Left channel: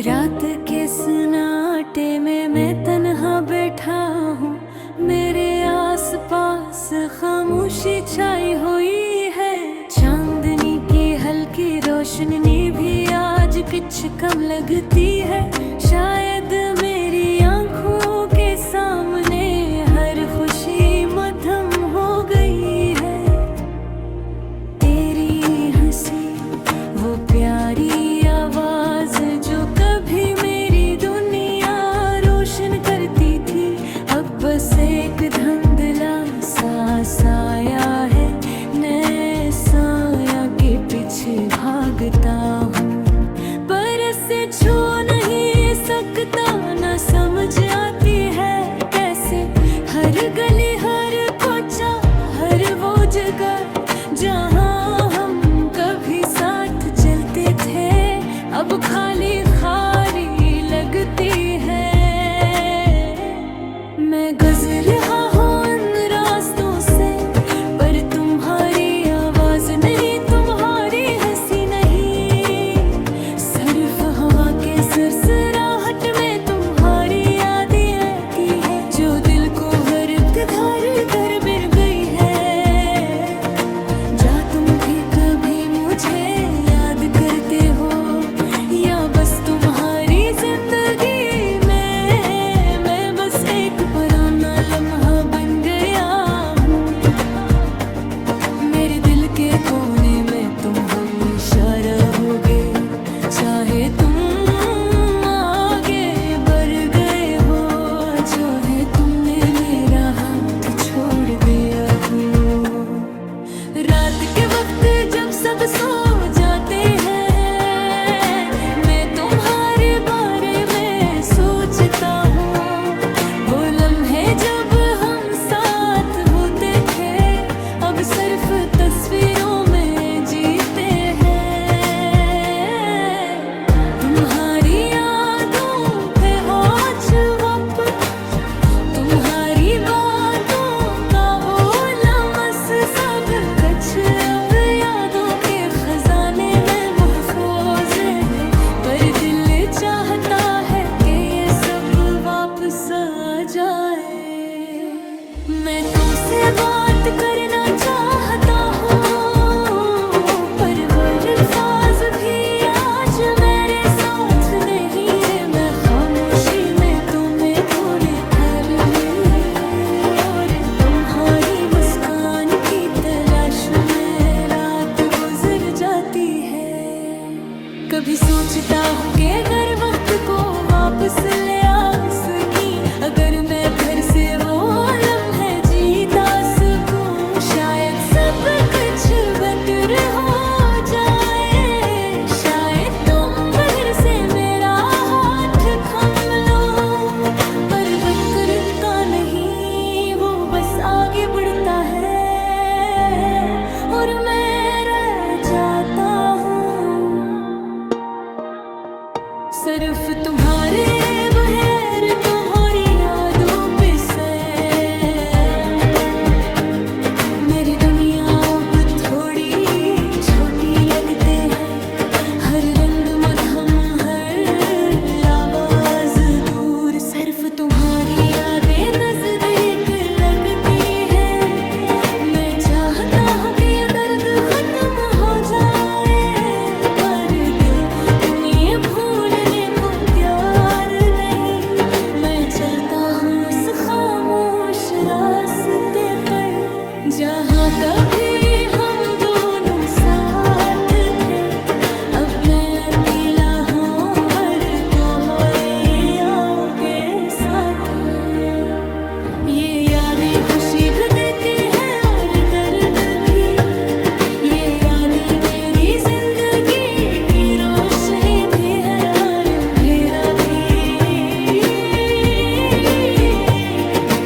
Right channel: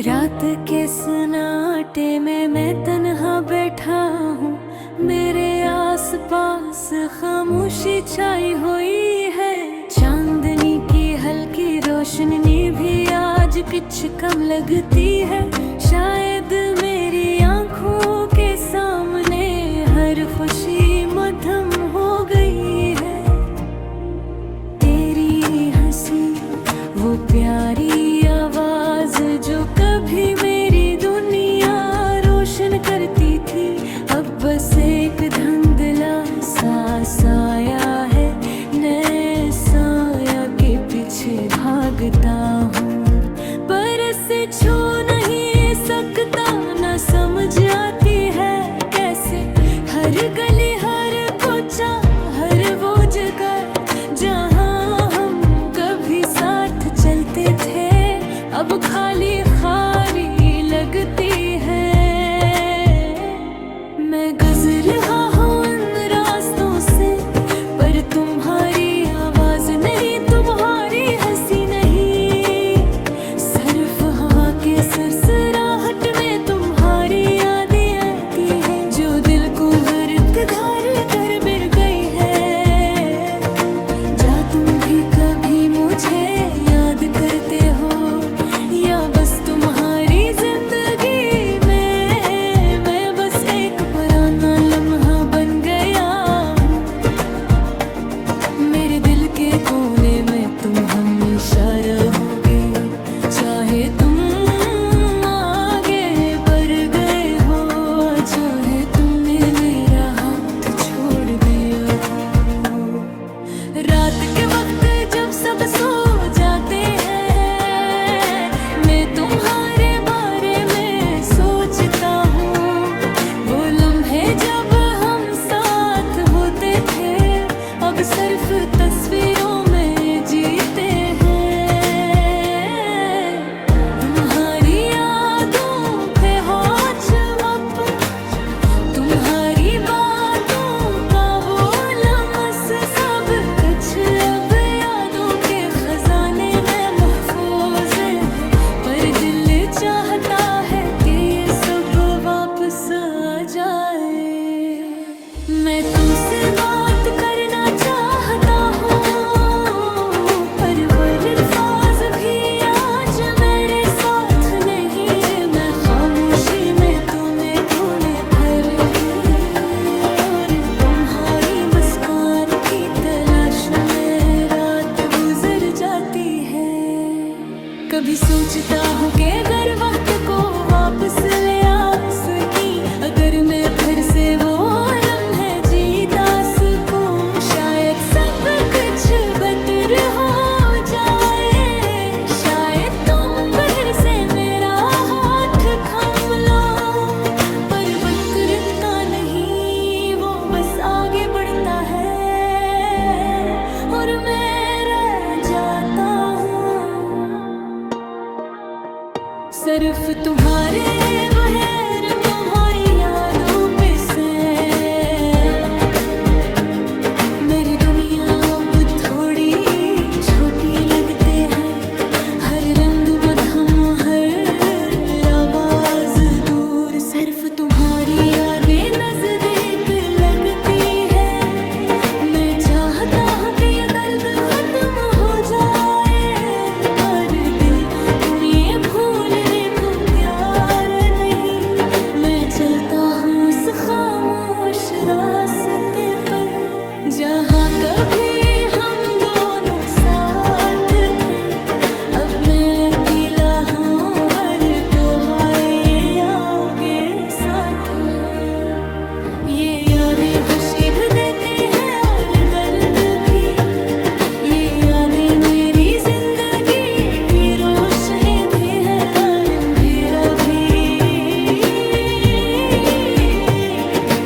रात के सन्नाटे में मैं तन्हा बैठा हूँ। मेरे आसपास खामोशी छाई हुई है। चांदनी की हल्की रोशनी भी आज कुछ कम लगती है। शायद मेरी आंखों के सामने हर खुशी मद्धम हो गई है। तेरी हंसी वो प्यारी आवाज जो कभी मेरी दुनिया रोशन करती थी, अब बस एक धुंधला सा साया है। नए साया के पीछे भागता हूँ, पर इसे छू नहीं सकता। न समझ आती है कैसे हर गली हर कोचा हर वो जगह जहाँ हम कभी साथ चलते थे, अब खाली खाली लगती है। मैं गुजर रहा हूँ उन रास्तों से, पर तुम्हारी आवाज नहीं, तुम्हारी हंसी नहीं। सिर्फ हवा के सरसराहट में तुम्हारी यादें आती है, जो दिल को गर्द धार कर बिर गई है। जा तुम भी कभी मुझे याद करते हो, या बस तुम्हारी जिंदगी में मैं बस एक पुराना लम्हा बन गया हूँ। मेरे दिल के कोने में तुम हमेशा रहोगे, चाहे तुम आगे बढ़ गए हो, चाहे तुमने मेरा हाथ छोड़ दिया हो। रात के वक्त जब सब सो जाते हैं, मैं तुम्हारे बारे में सोचता हूँ। वो लम्हे जब हम साथ होते थे, अब सिर्फ तस्वीरों में जीते हैं। तुम्हारी यादों पे होच वक्त, तुम्हारी बातों का वो लम्स सब कुछ अब यादों के खजाने में महफूज है। पर दिल चाहता है कि ये सब वापस आ जाए। मैं तुमसे बात करना चाहता हूँ, पर वो अल्फाज भी आज मेरे साथ नहीं है। मैं खामोशी में तुम्हें ढूंढे फिर और तुम्हारी मुस्कान की तलाश में रात गुजर जाती है। कभी सोचता हूँ कि अगर वक्त को वापस ले आ सकी, अगर मैं फिर से वो लम्हे जीता सकूं, शायद सब कुछ बेहतर हो जाए। शायद तुम फिर से मेरा हाथ थाम लो, पर वक्त रुकता नहीं, वो बस आगे बढ़ता है और मैं रह जाता हूँ। सिर्फ तुम्हारे बगैर तुम्हारी यादों पे से मेरी दुनिया अब थोड़ी छोटी लगते हैं। हर रंग मधुम हर आवाज दूर, सिर्फ तुम्हारी यादें नजदीक लगती है। मैं चाहता हूँ कि ये दर्द खत्म हो जाए, पर दिल तुम्हें भूलने को प्यार नहीं। मैं चलता हूँ उस खामोश रास्ते पर, जहाँ कभी हम दोनों साथ थे। अब मैं अकेला हूँ, हर तोहरे आगे साथ है। ये यादें खुशी भी देती हैं और दर्द भी। ये यादें मेरी जिंदगी की रोशनी भी है और अंधेरा भी।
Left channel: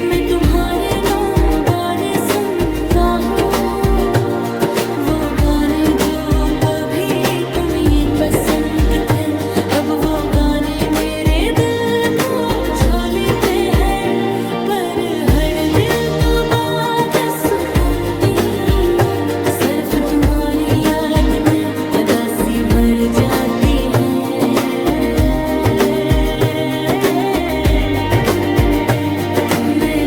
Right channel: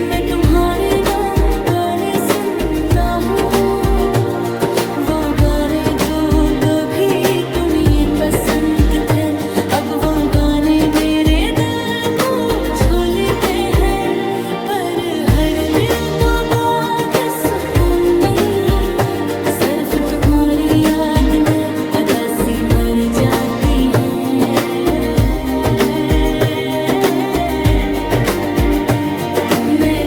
मैं तुम्हारे नाम गाने सुनता हूँ, वो गाने जो कभी तुम्हें पसंद थे। अब वो गाने मेरे दिल को छू लेते हैं, पर हर दिल तो बात सुकून नहीं। सिर्फ तुम्हारी याद में उदासी भर जाती है।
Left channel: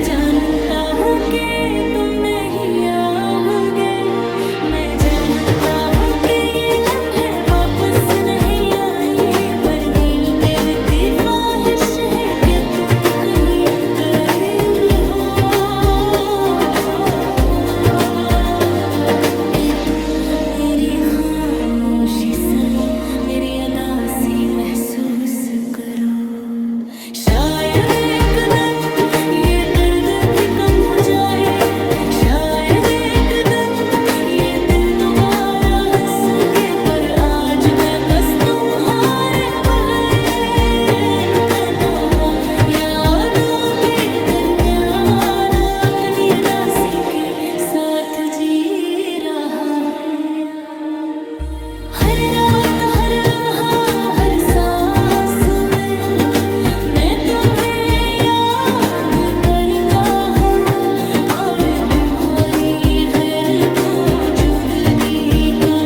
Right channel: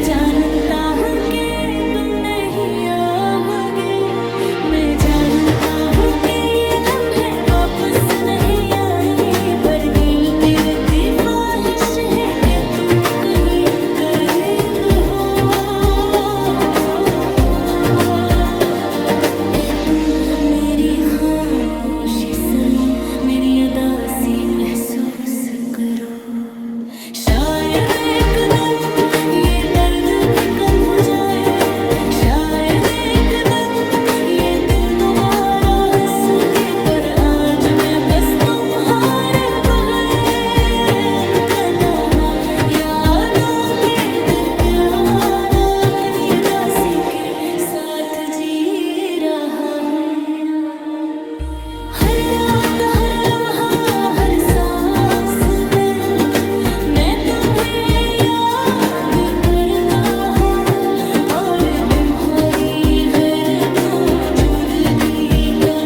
जानता हूँ कि तुम नहीं आओगे, मैं जानता हूँ कि ये लम्हे वापस नहीं आई, पर दिल गिरती ख्वाहिश है कि तुम कहीं करीब हो, कि तुम मेरी खामोशी सुनो, मेरी अदा सी महसूस करो। शायद एक दिन ये दर्द भी कम हो जाए, शायद एक दिन ये दिल दोबारा हंस के, पर आज मैं बस तुम्हारे बगैर तना हो, यादों के दरमियान अपनी अदासी के साथ जी रहा हूँ। हर रात हर लम्हा हर सांस में मैं तुम्हें याद करता हूँ, और तुम्हारी गैर मौजूदगी का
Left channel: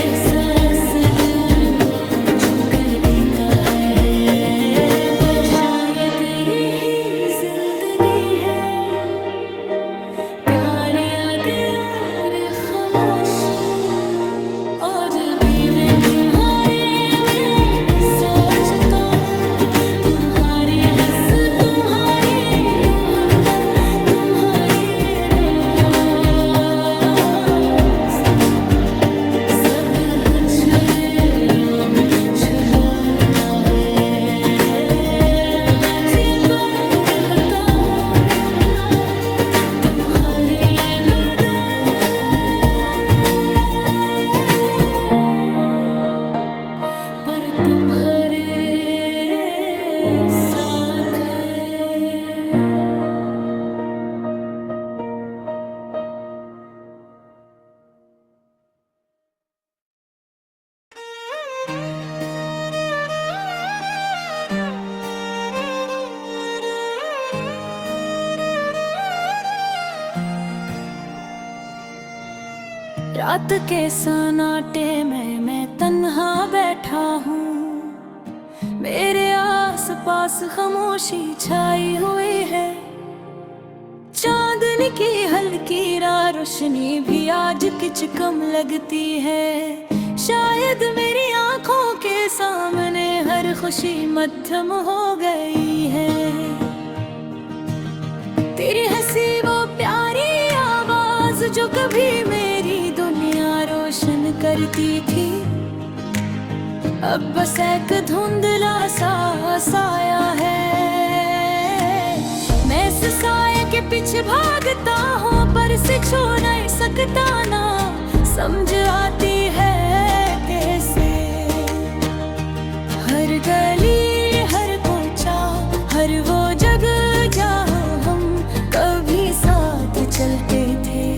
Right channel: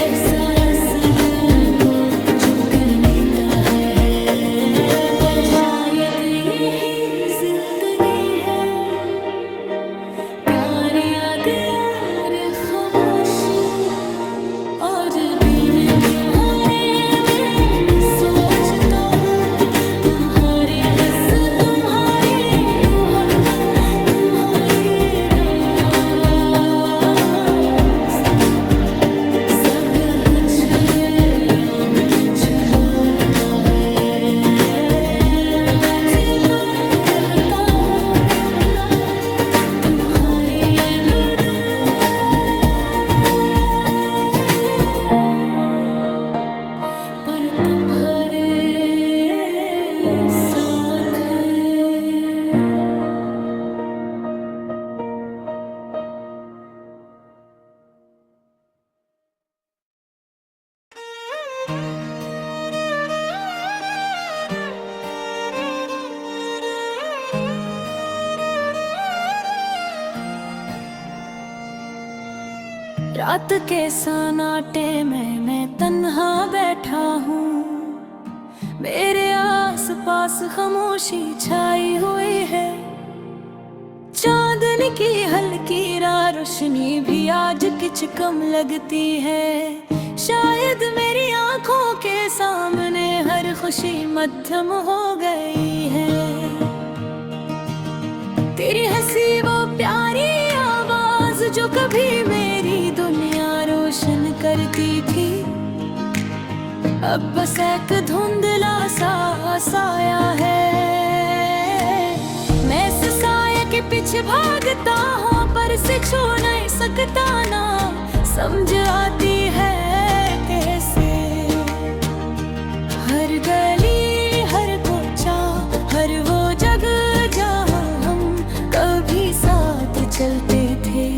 एहसास दिल को झुकर लेता है, पर शायद यही जिंदगी है, प्यार यादें और खामोशी, और भी मैं तुम्हारे में सोचता हूँ, तुम्हारी हंस तुम्हारी मोहब्बत तुम्हारी रोमांस, सब कुछ मेरों में छुपाता है, मैं छिपा रखता हूँ तुम्हारी ये दुआ, पर तुम्हारे साथ है। रात के सन्नाटे में मैं तन्हा बैठा हूँ, मेरे आस पास खामोशी छाई हुई है, चांदनी की हल्की रोशनी भी आज कुछ कम लगती है, शायद मेरी आंखों के सामने हर खुशी मध्यम हो गई है, तेरी हंसी वो प्यारी आवाज जो कभी मेरी दुनिया रोशन करती थी, अब बस एक धुंधला सा साया है, मैं इस साये के पीछे भागता हूँ, पर से छू नहीं सकता ना, समझ आती है कैसे, हर गली हर कोचा हर वो जगह जहाँ हम कभी साथ चलते थे,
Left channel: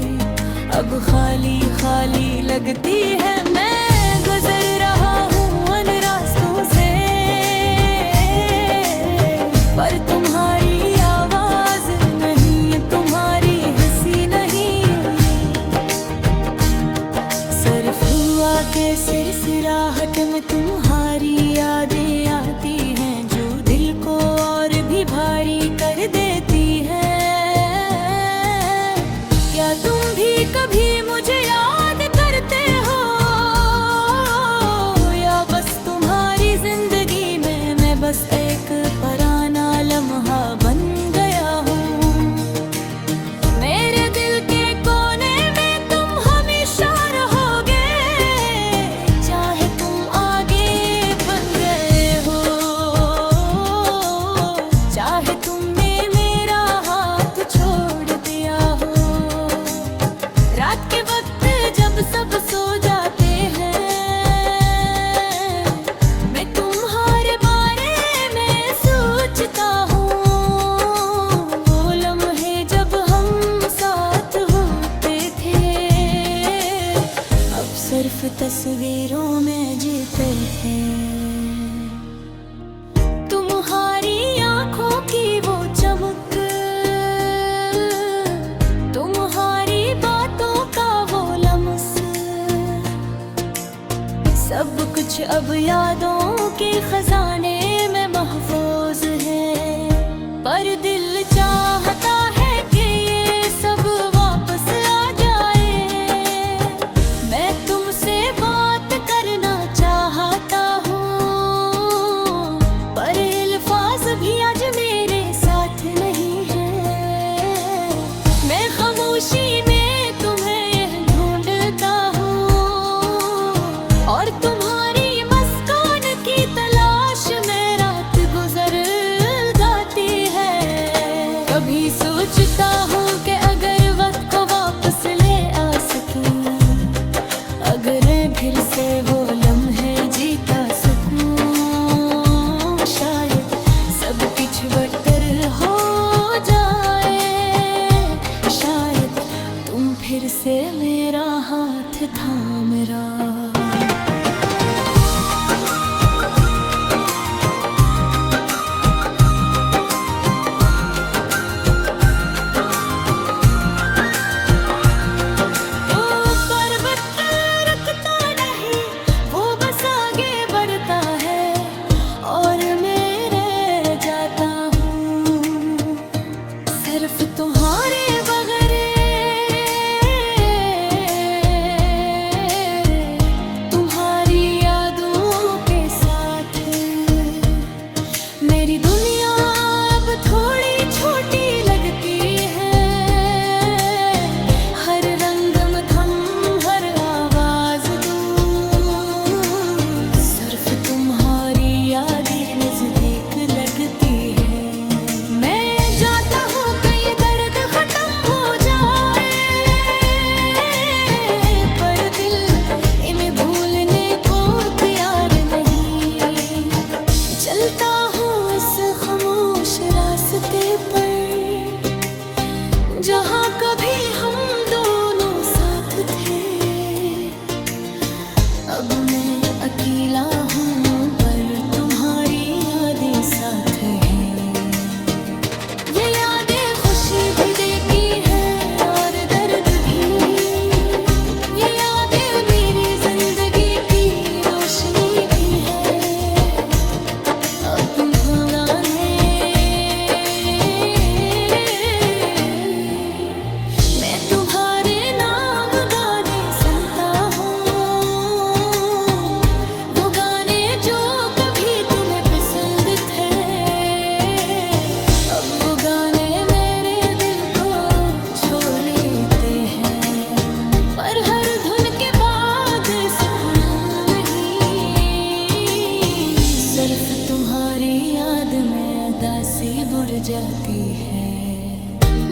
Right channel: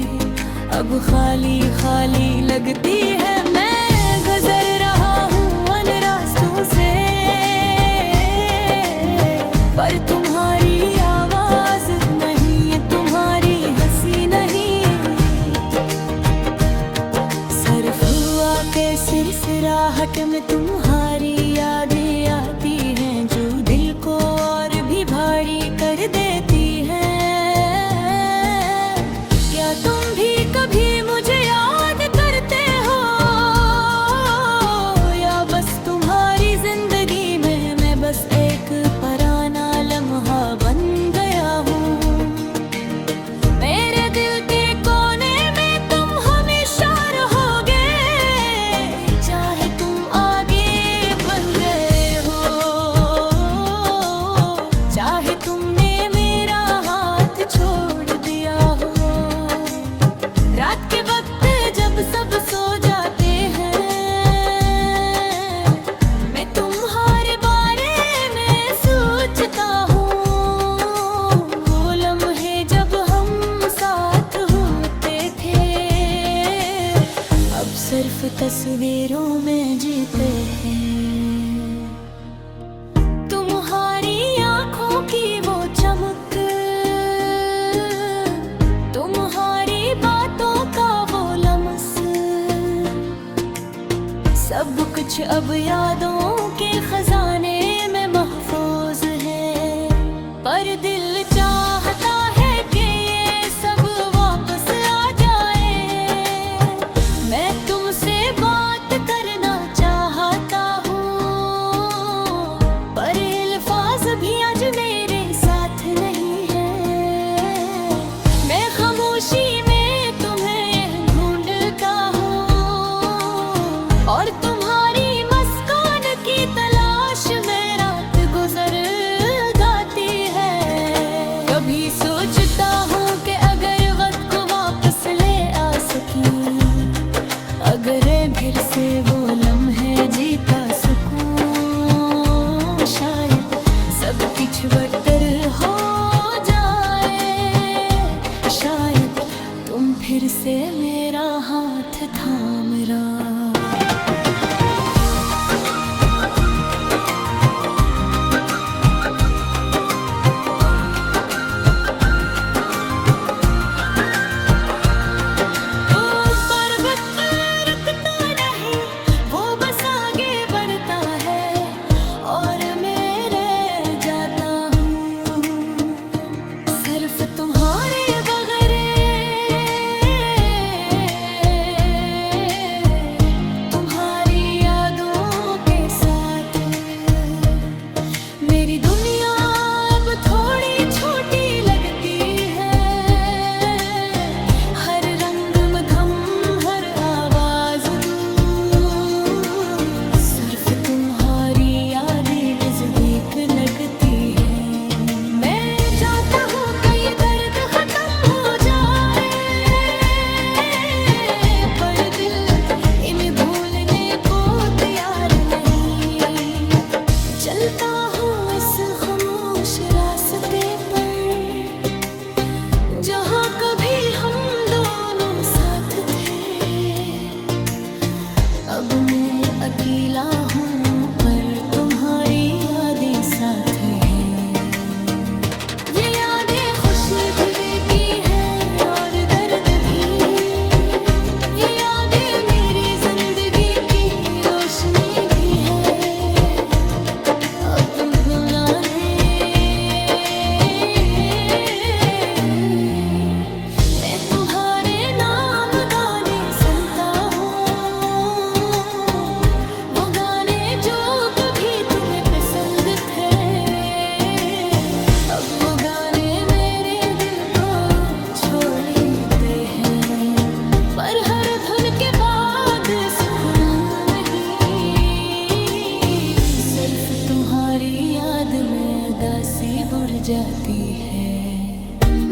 अब खाली खाली लगती है, मैं गुजर रहा हूँ उन रास्तों से, पर तुम्हारी आवाज नहीं, तुम्हारी हंसी नहीं, सिर्फ हुआ के सिरसिराहट में तुम्हारी यादें आती हैं, जो दिल को और भी भारी कर देती हैं, क्या तुम भी कभी मुझे याद करते हो, या बस तुम्हारी जिंदगी में मैं बस एक पराना लम्हा बन गया हूँ, मेरे दिल के कोने में तुम हमेशा रहोगे, चाहे तुम आगे बन गए हो, चाहे तुमने मेरा हाथ छोड़ दिया हो, रात के वक्त जब सब सो जाते हैं, मैं तुम्हारे बारे में सोचता हूँ, वो लम्हे जब हम साथ होते थे, अब सिर्फ तस्वीरों में जीते हैं, तुम्हारी आँखों की वो चमक, तुम्हारी बातों का वो लम्स, सब कुछ अब यादों के खजाने में महफूज है, पर दिल चाहता है कभी सोचता हूँ कि अगर वक्त को वापस ले आ सकी, अगर फिर से वो लम्हे जीता सकूं, शायद सब कुछ बेहतर हो जाए। शायद तुम फिर से मेरा हाथ थाम रहा। सिर्फ तुम्हारे बगैर, तुम्हारी यादों के साथ मेरी दुनिया अब थोड़ी छोटी लगती है। हर रंग मधम, हर आवाज दूर, सिर्फ तुम्हारी यादें नजदीक लगती है। मैं जाता हूँ चलता हूँ इस खामोश रास्ते पर, जहाँ कभी हम दोनों साथ थे। अब मैं अकेला हूँ पर तुम्हारी यादें साथ हैं। ये यादें खुशी भी देती है और दर्द भी, ये यादें मेरी जिंदगी की रोशनी भी है। मैं तुम्हारे नाम गाने सुनता हूँ, वो गाने जो कभी तुम्हें पसंद थे। अब वो गाने मेरे दिल को छू लेते हैं, पर हर धुन के बाद सुकून नहीं। सिर्फ तुम्हारी याद में उदासी बुर जाती है।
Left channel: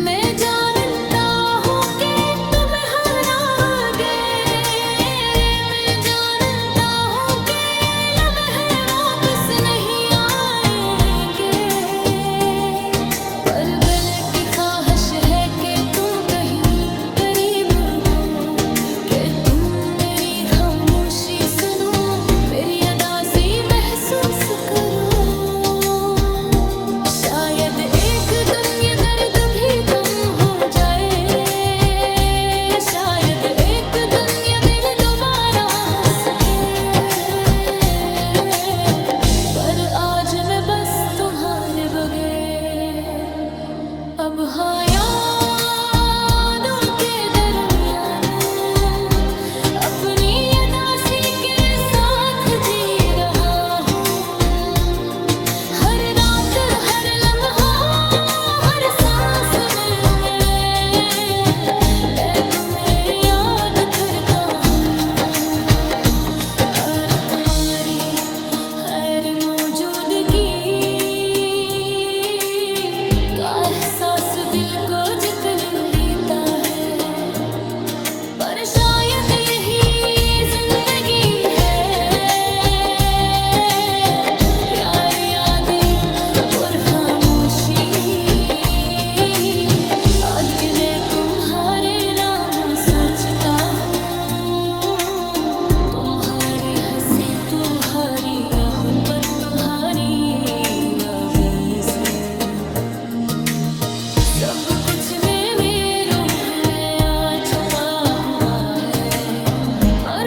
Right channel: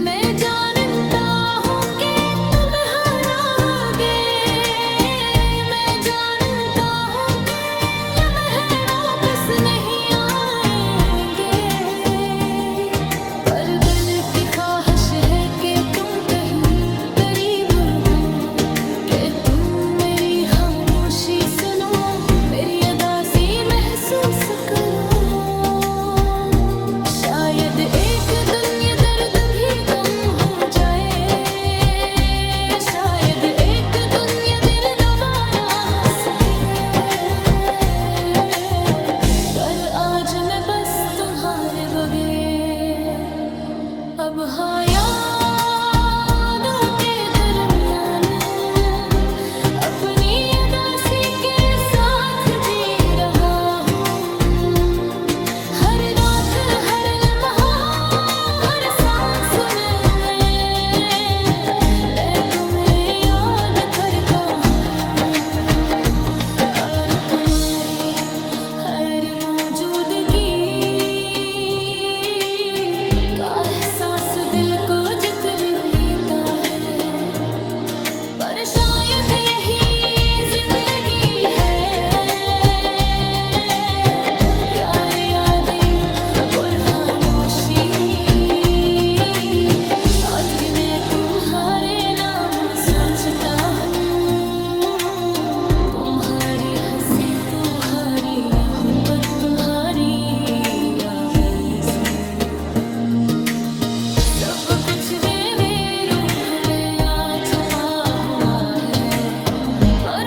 मैं जानता हूँ कि तुम हारोगे, मैं जानता हूँ कि लम्हे वापस नहीं आएंगे, पर दिल की ख्वाहिश है कि तुम कहीं करीब हो, कि तुम मेरी खामोशी सुनो, मेरी उदासी महसूस करो। शायद एक दिन ये दर्द भी कम हो जाए, शायद एक दिन ये दिल दोबारा हंस सके, पर आज मैं बस तुम्हारे बगैर अब हाँ यादों के दरमियान अपनी उदासी के साथ जी रहा हूँ। हर रात, हर लम्हा, हर सांस में मैं तुम्हें याद करता हूँ, और तुम्हारी हर मौजूदगी का एहसास दिल को जकड़ लेता है। पर शायद यही जिंदगी है, प्यार, यादें और खामोशी। आज मैं तुम्हारे नाम सोचता हूँ, तुम्हारी हंसी तुम्हारी मोहब्बत तुम्हारी रावें से, सब कुछ मेरे रूह में आ छुपा हुआ है। पर